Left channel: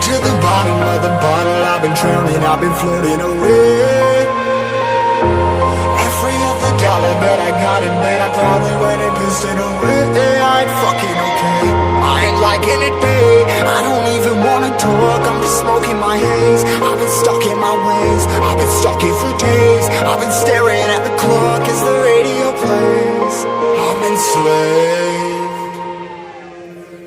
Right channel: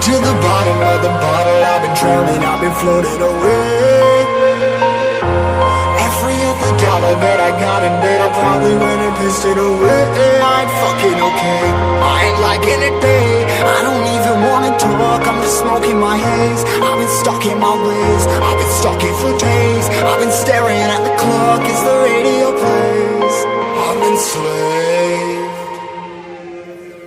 To the bottom of the bottle, I've been drowning, I've been floating away. Every other dollar that I got in bed, I probably went and pissed it away. I ain't fucking okay, I ain't liking it, babe. I don't even wanna talk, I'm just smoking my haze. I've been stuck in my ways, I've been stuck in for days. I've been staring at the clock as the radio plays. I'm enslaved.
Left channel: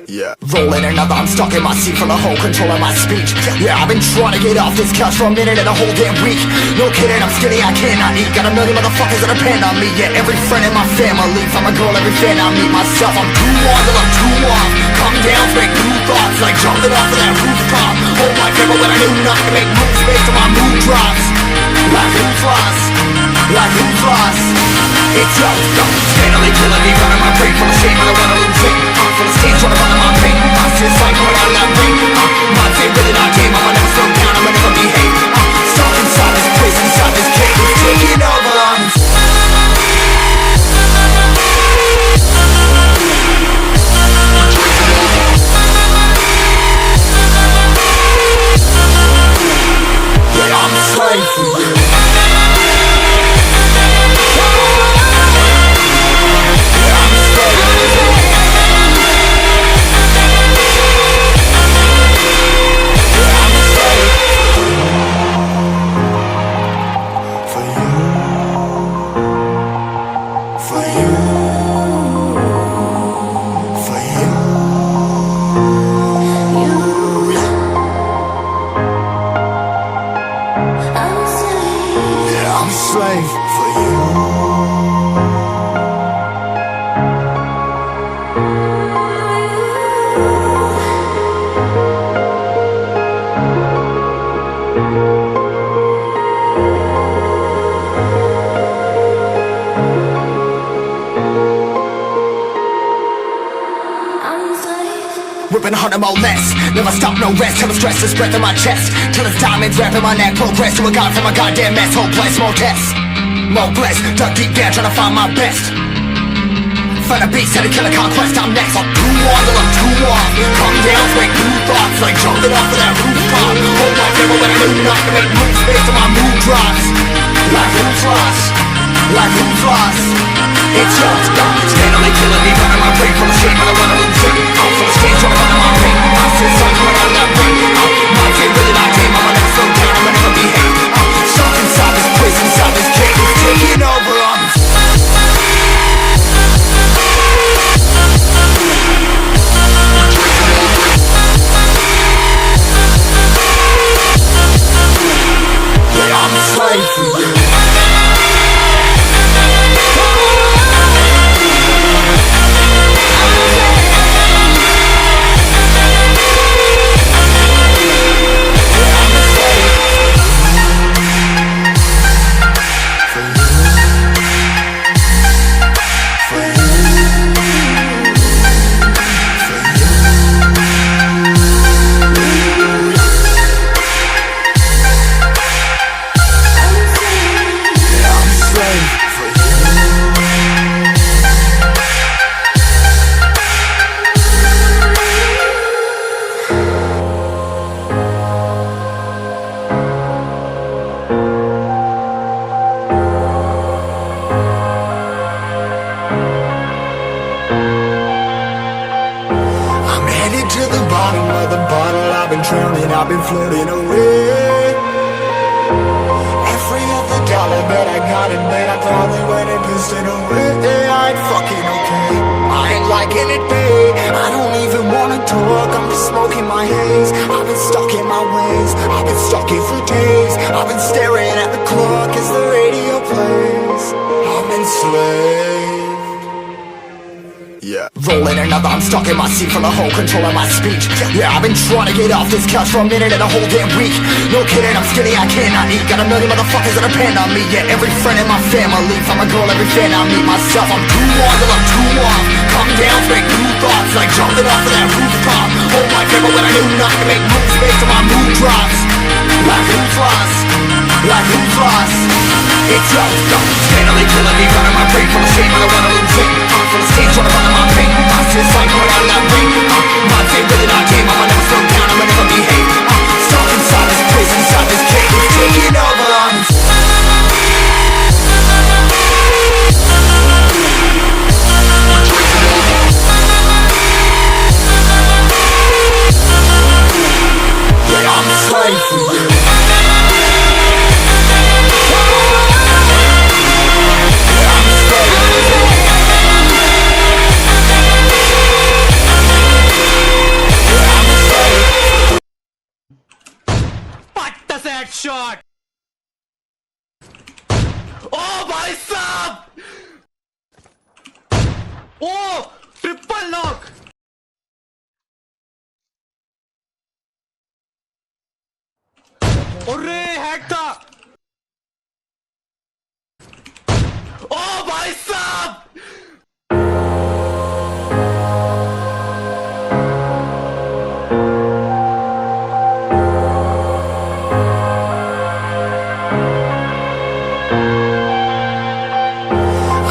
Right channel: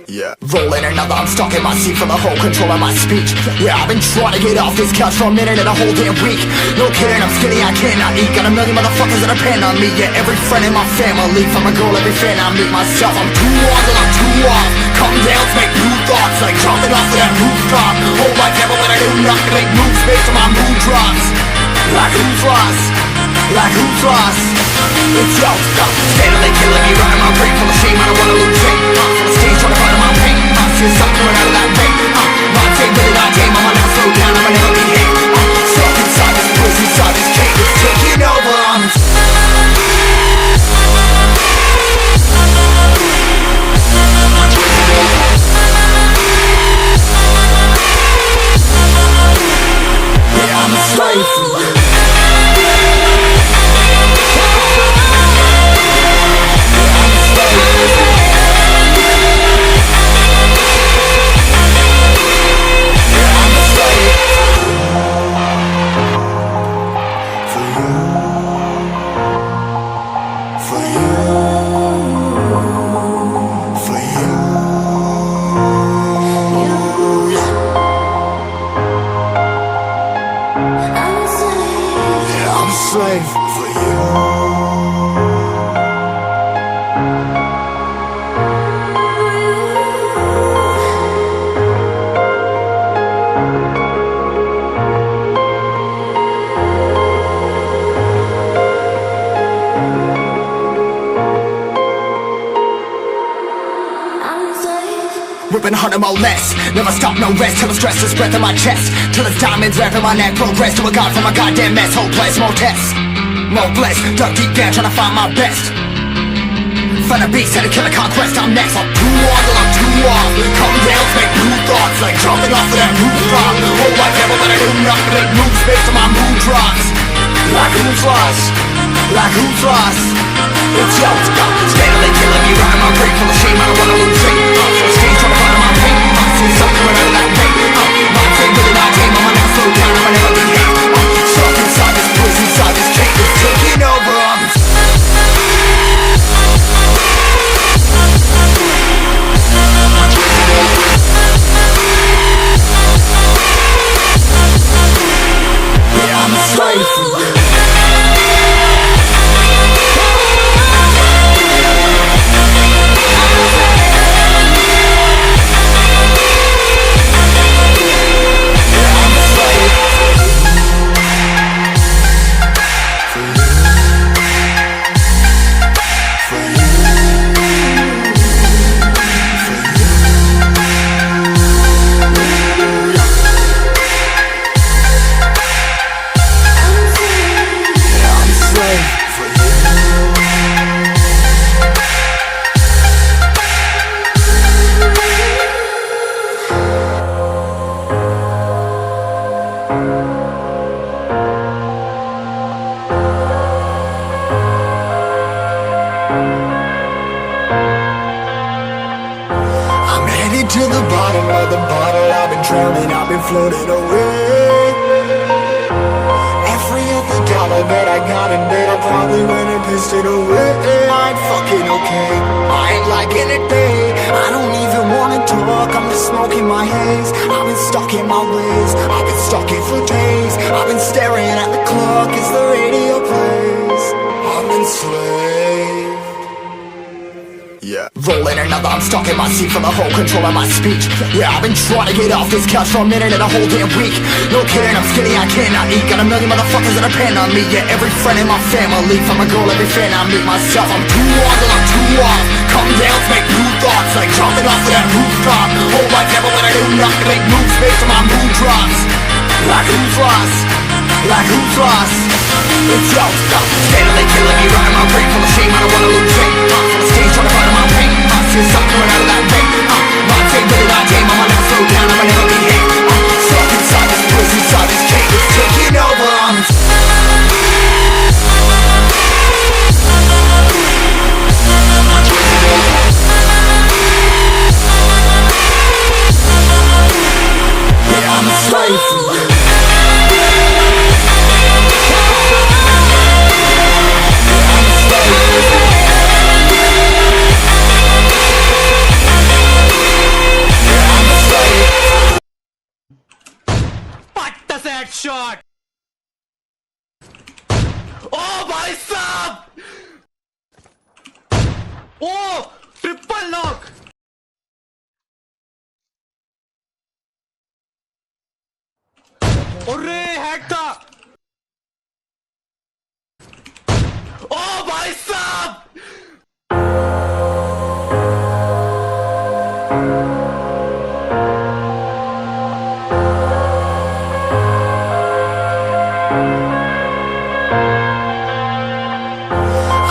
Yeah. Rolling another, I'm stuck in my seat for the whole control of my speech. Yeah, I've been trying to get off this couch for a minute and a whole damn week. No kidding, I'm skinny, I cannot eat. Got a million motherfuckers that depend on me. Yeah, every friend in my family. From a girl, every fan I meet myself. I'm too on till I'm too off. Come down to make new thoughts, like jumping off of that rooftop. Whole life never when I do nothing to make moves based on my mood drops. Like who's lost? Like who's lost? It's yo, steadily killing me, running my brain full of shame. I don't wanna lose it. Full of stage, trying to find my pain. I see the sun coming out of that rain. Mind's ain't really not tame. I'ma never slow down, I'ma never behave. Stuck inside this prison, inside this cage, it's taking over. Yeah, I'm a slave for you. I'm a slave for you. Ripping harder, more less. Never stop, no rest. Till the stress is breath in my chest. Till it's diamonds wrapping my neck. Progress to a god from a goddamn mess. Hopeless, more tests, more blessed. Dug deep down trying to find my best. Find a beast, had to kill a conquest. I'm next. I'm too on till I'm too off. Come down to make new thoughts, like jumping off of that rooftop. Whole life never when I do nothing to make moves based on my mood drops. Like who's lost? Like who's lost? It's yo, steadily killing me, running my brain full of shame. I don't wanna lose it. Full of stage, trying to find my pain. I see the sun coming out of that rain. Mind's ain't really not tame. I'ma never slow down, I'ma never behave. Stuck inside this prison, inside this cage, it's taking over. Yeah, I'm a slave for you. To the bottom of the bottle, I've been drowning, I've been floating away. Every other dollar that I got in bed, I probably went and pissed it away. I ain't fucking okay, I ain't liking it, babe. I don't even wanna talk, I'm just smoking my haze. I've been stuck in my ways, I've been stuck in for days. I've been staring at the clock as the radio plays. I'm enslaved. Yeah, rolling another, I'm stuck in my seat full of whole control of my speech. Yeah, I've been trying to get off this couch for a minute and a whole damn week. No kidding, I'm skinny, I cannot eat. Got a million motherfuckers that depend on me. Yeah, every friend in my family, from a girl, every fan I meet myself. I'm too on till I'm too off. Come down to make new thoughts, like jumping off of that rooftop. Whole life never when I knew not to make moves based on my mood drops. Like who's lost? Like who's lost? It's yo, steadily killing me, running my brain full of shame, I don't wanna lose it. Full of stage, trying to find my pain. I see the sun coming out of that rain. Mind ain't really not tame, I'ma never slow down, I'ma never behave. Stuck inside this prison, inside this cage, it's taking over. Yeah, I'm a slave for you. Shot! Oh भाई साहब! Oh! Triple knock! अरे hack था! Oh भाई साहब!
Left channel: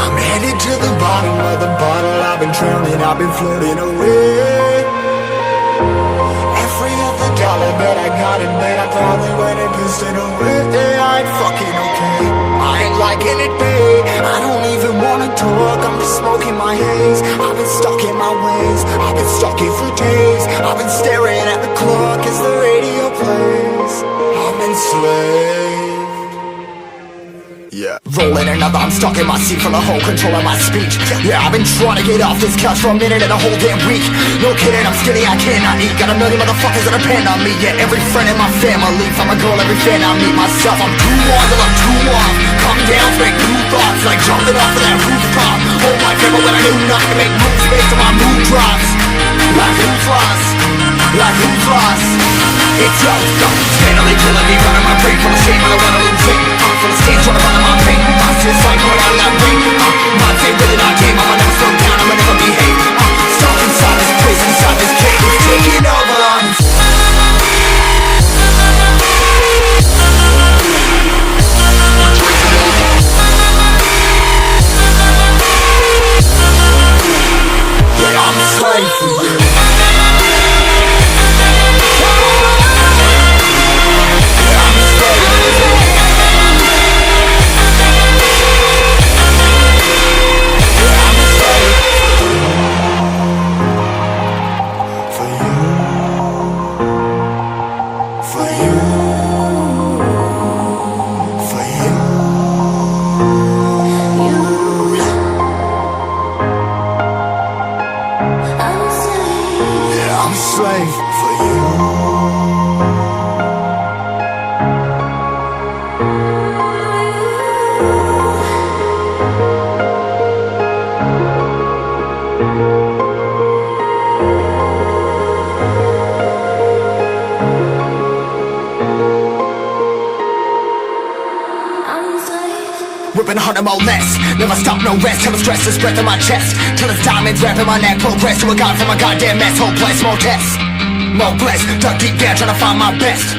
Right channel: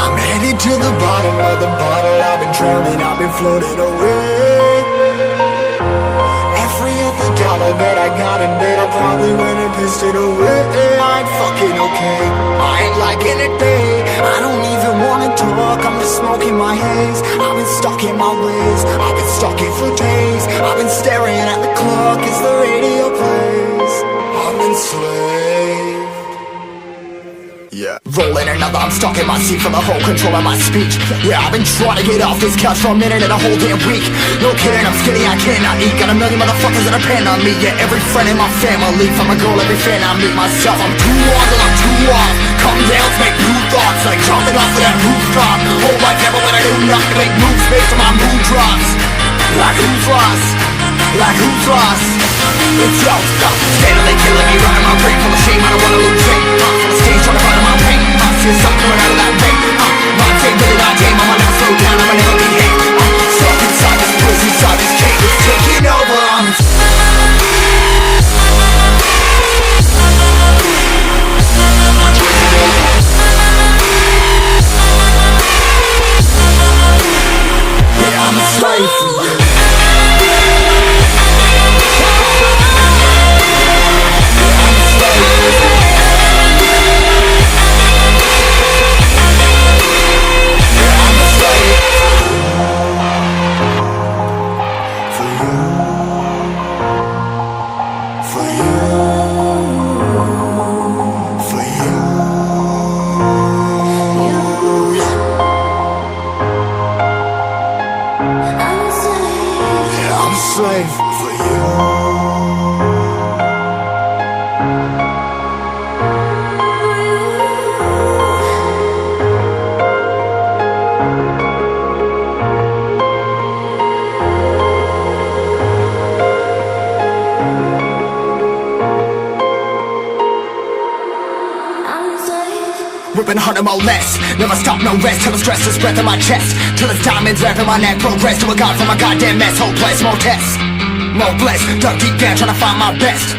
I'm headed to the bottom of the bottle. I've been drowning, I've been floating away. Every other dollar that I got in bed, I probably went and pissed it away. I ain't fucking okay, I ain't liking it, babe. I don't even wanna talk, I'm just smoking my haze. I've been stuck in my ways, I've been stuck here for days. I've been staring at the clock as the radio plays. I'm enslaved. Yeah, rolling another, I'm stuck in my seat full of whole control of my speech. Yeah, I've been trying to get off this couch for a minute and a whole damn week. No kidding, I'm skinny, I cannot eat. Got a million motherfuckers that depend on me. Yeah, every friend in my family, from a girl, every fan I meet myself. I'm too on till I'm too off. Come down to make new thoughts, like jumping off of that rooftop. Whole life never when I knew not to make moves based on my mood drops. Like who's lost? Like who's lost? It's yo, steadily killing me, running my brain full of shame, I don't wanna lose it. Full of stage, trying to find my pain. I see the sun coming out of that rain. Mind ain't really not tame, I'ma never slow down, I'ma never behave. Stuck inside this prison, inside this cage, it's taking over. Yeah, I'm a slave for you. I'm a slave for you. Ripping harder, more less. Never stop, no rest. Till the stress is breath in my chest. Till it's diamonds wrapping my neck. Progress to a god from a goddamn mess. Hopeless, more tests. More blessed. Dug deep down trying to find my best.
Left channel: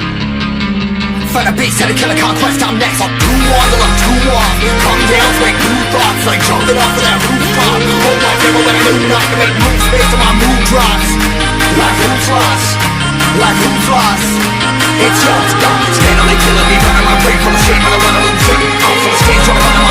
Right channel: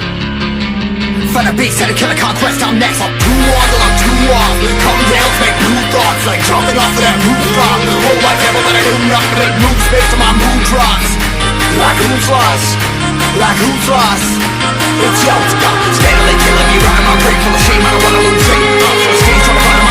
Find a beast, had to kill a conquest. I'm next. I'm too on till I'm too off. Come down to make new thoughts, like jumping off of that rooftop. Whole life never when I knew not to make moves based on my mood drops. Like who's lost? Like who's lost? It's yo, steadily killing me, running my brain full of shame, I don't wanna lose it. Full of stage, trying to find